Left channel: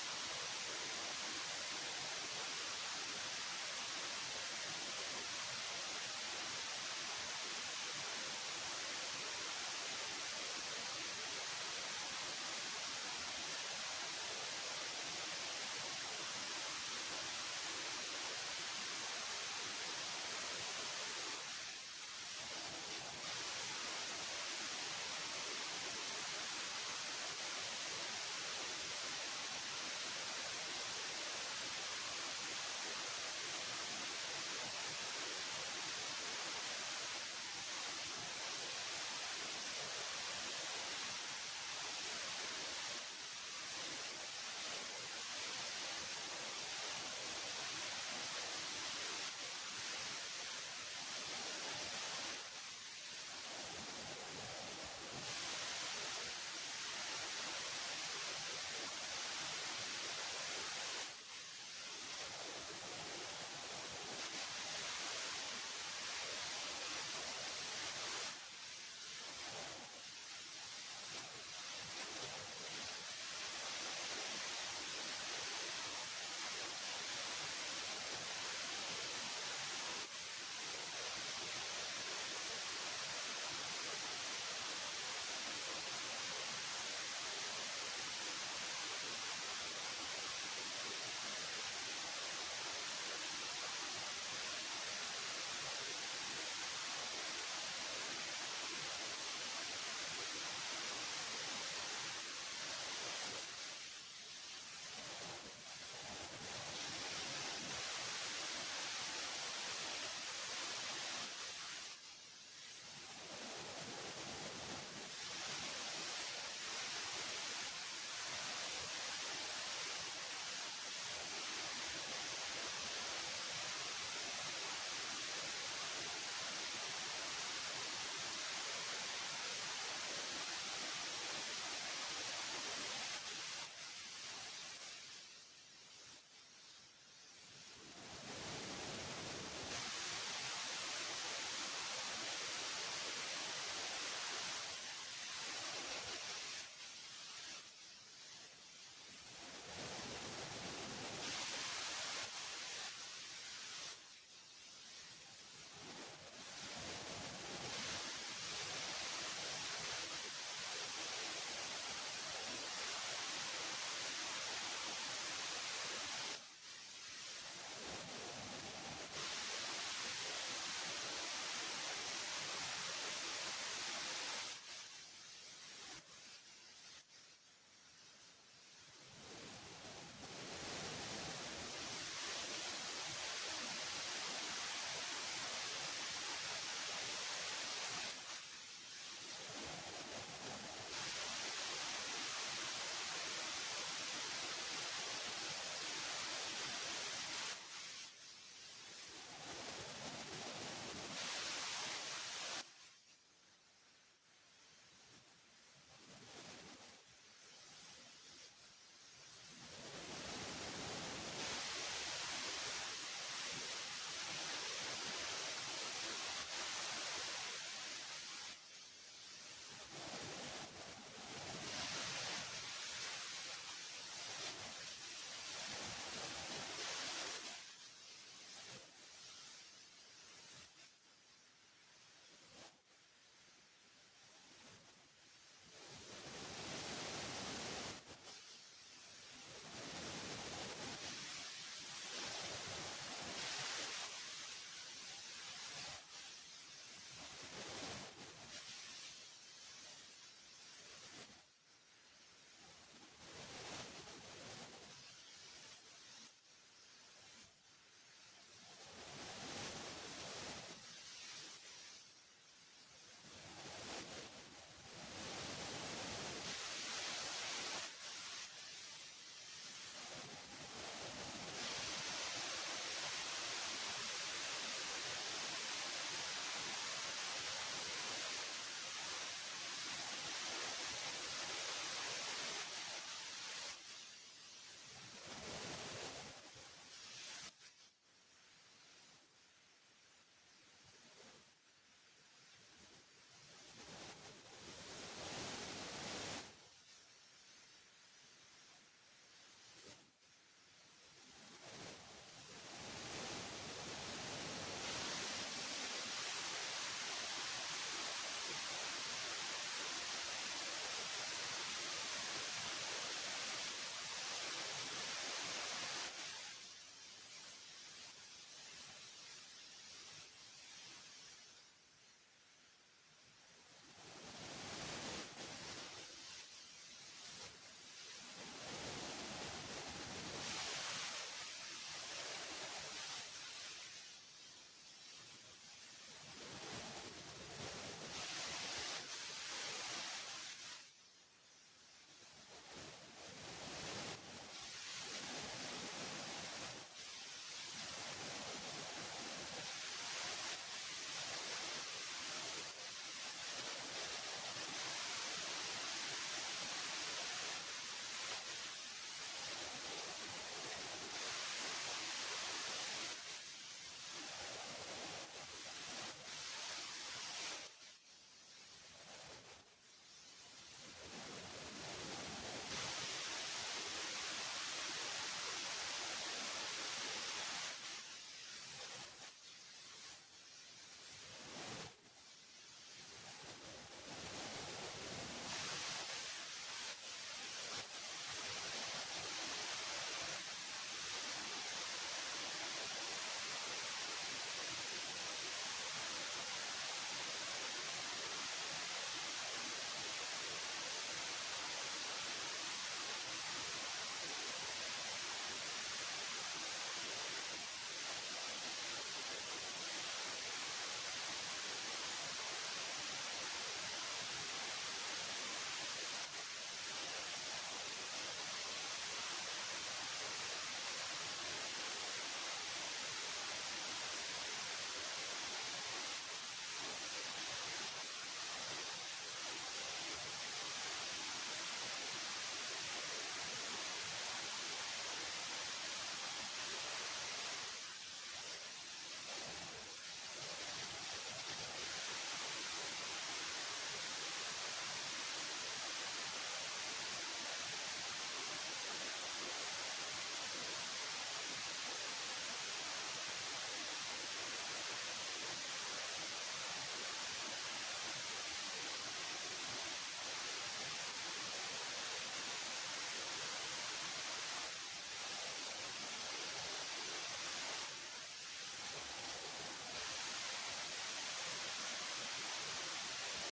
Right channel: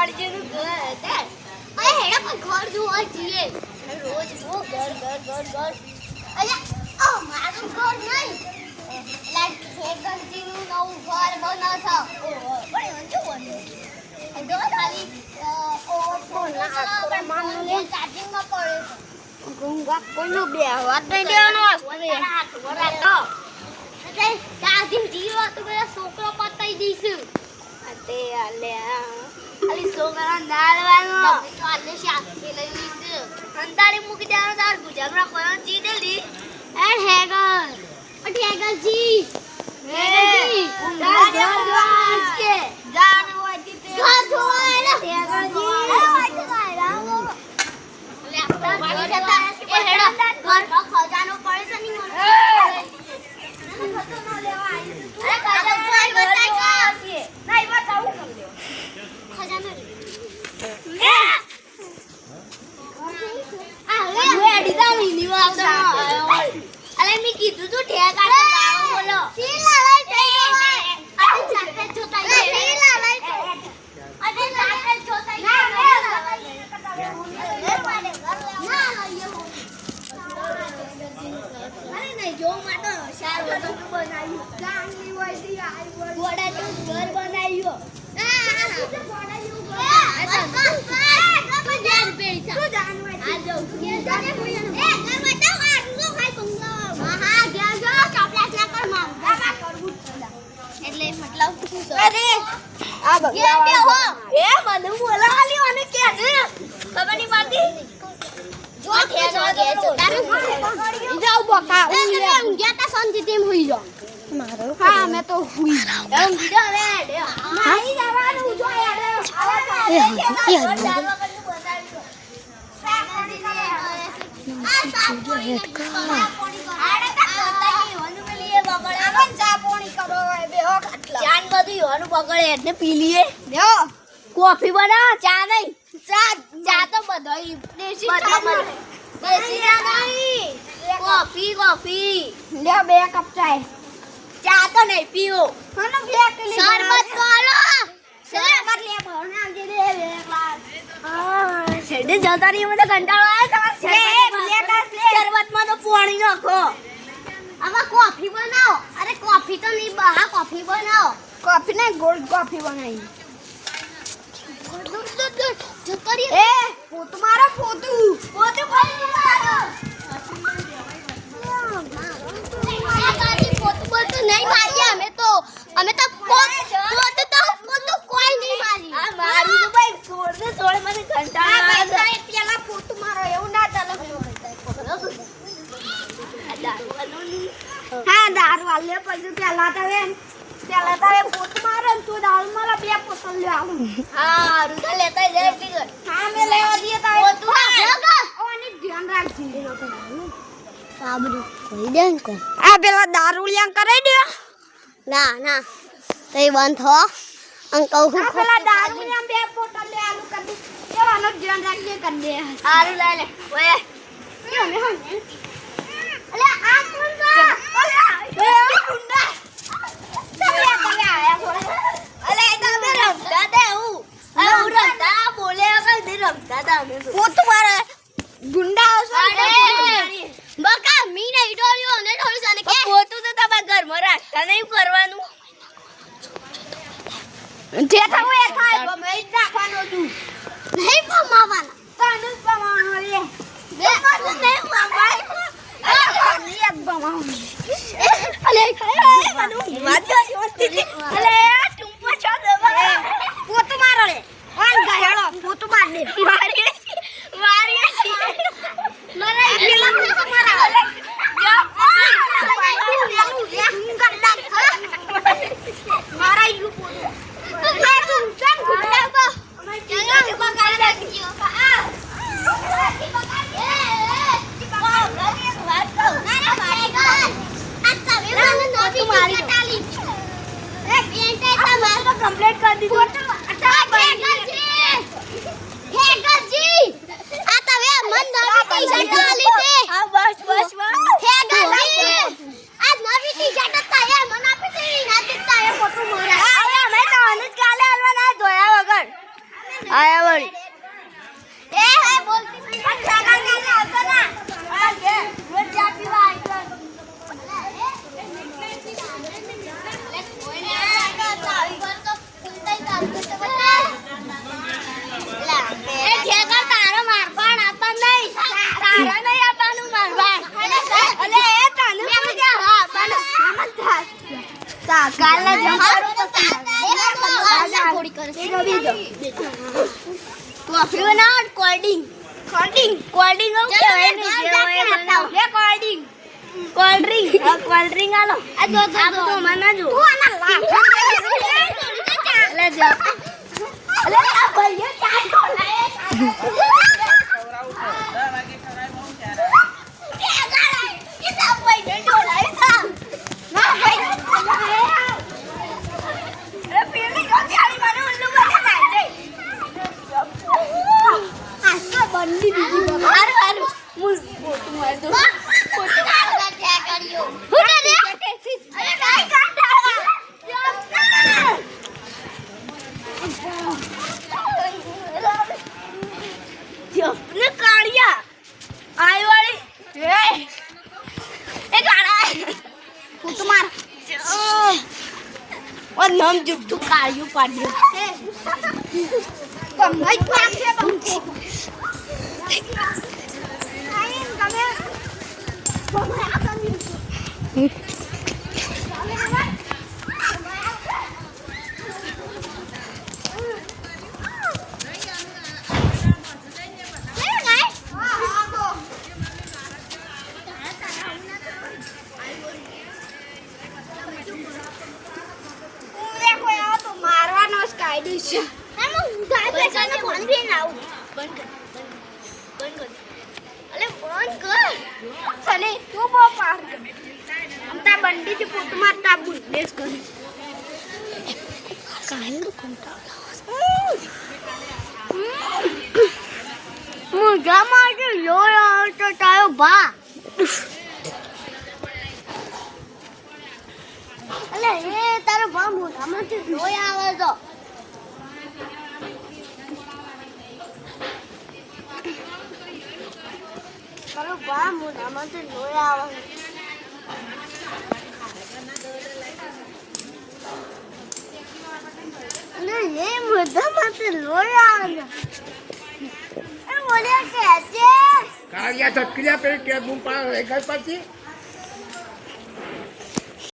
દાડજીનું ઘર દે અરે હેડા કોઈ ઘર જોવા જઈએ રોજ નો ઘર અલ્યા ઓ મારું ઘર નહીં લાઈક ખેગરજીનું નવું ઘર બનાવ છો પણ જો બને જો ખાલી ઓ ફોન ના માનને ચાર્જિંગમાં પડે ગુંગા કોઈનો બે વાત નહીં દેવાનો વરા તો એટલે ચાર્જિંગ જીવો તો બે છોકરો પતાઈ દઈશું અતે આલે ખાલી છોકરા નાળવાનો તો આલે શાસ્ત્રી લઈ લીધું અંતારી મૂકી દેવાનો તાર ગુજરાતમાં કોણ જી દેલી એ હેગર હેગરજી કે જાન હોય જીતે ઘર જોવાય ને ખજાનો પડે છે ની હા મેં તો હુઈ એમ બીજો રે મારી જવાનું જો યાર કોફી બનાવ ચા નહીં ચા તો બધાઈ દેશી કોફી લે 2 કપ ચા તો નહીં પીવો મને 2 કિલો શરબત તો આલો શરબત લે ભરણા દે 2 ગ્લાસ છેડે જતા રહી મને કંટાળો આવે શરબતમાં તો પાણી નાખો હવે કોફી બનાવો અરે કોફી તો નહીં બહા કોફી બનાવો કોફી ને ગોલ્ડ કોફી બનાવી એ પોતું મારો પોતું મારો નહીં મારીએ અમે તો પોતું કોઈ નહીં મારી આ મારું તો ભાઈ છોડ મને કંટાળો આવે પેલા પોતું મારો એવું ના ચાલે હા દારૂ વાલે પછી પેલા તો પોતું મારે તો દારૂ મારા 2 પોતું લે આવું હા રૂતા લેતા જાય ટીગર હા મે લેવા દીએ તો પોતું હા ઓની ધ્યાન રાખજી સાબરું કહી દે કો આ પેલા દારૂ લ્યાંગ કરાઈ દે ના તઈ બંધ થો અંકલ હું પેલા દારૂ લ્યાંગ 2 પોતા લે આલુ કર દે એવાનો ધ્યાન રાખજે કર દે આલુ લે ઓય અલે આ કોણ કા ઓય ગુંડા તમે આયા થોડા અલે તમે રમતા દે હું રમતા બોલે કઈ દે રમતા તા અમે પોતું મારે ગુંડા આવશે બકા મી નહીં ડોળ્યો અને ડોળી સાને કે પોતું તો તમારા ઘરમાં રાખતા નહીં કરવાનું જે થાવ એ થાય ગમે જ નાખવાનો તું નહીં પમાવાના તાનું પમાવાનો લે બે મારું નહીં પમાય એક પમાવ અલે ખાય માનું વાદ્યો વસ્તી અલે ટુંપો છો દે પોતું મારો લે ઓન ગાયડો પોતું માર દે મારી મને પેલા પોતું મારા અલે મારા ઈ પોતું कंप्लीट कर दी आता वे मन नवी टी-शर्ट वाली ते हां बस हे गजी आज नवी टी-शर्ट आता है मन आपे ते ना देता है फोटो मोरा आया मैं तो કોફી બનાવ કોલ્ડિંગ કોલ્ડિંગ કોલ્ડિંગ આવું કહેવાય ને જે બનાવ લે કોલ્ડિંગ કોલ્ડ્રિંક આલો આ તો મને જો તું આના લાફા લે જા અલે આ ભાઈઓ ચાર ખોલાય નામ જુઠ્ઠું કાળિયું પાડ્યું બંડી પોત મારતા બુદ્ધેશ કરી મુર્ગા માટે લોહી આવતો તારો ભા અલે એ તારો ભા મોઢામાંથી લોહી આવે તો તારો ભા મોઢામાંથી લોહી આવે ये मुद्दा मत लोया ए बोले कैसे कालिया तो क्रिया पे के मुंह पर घर पर थी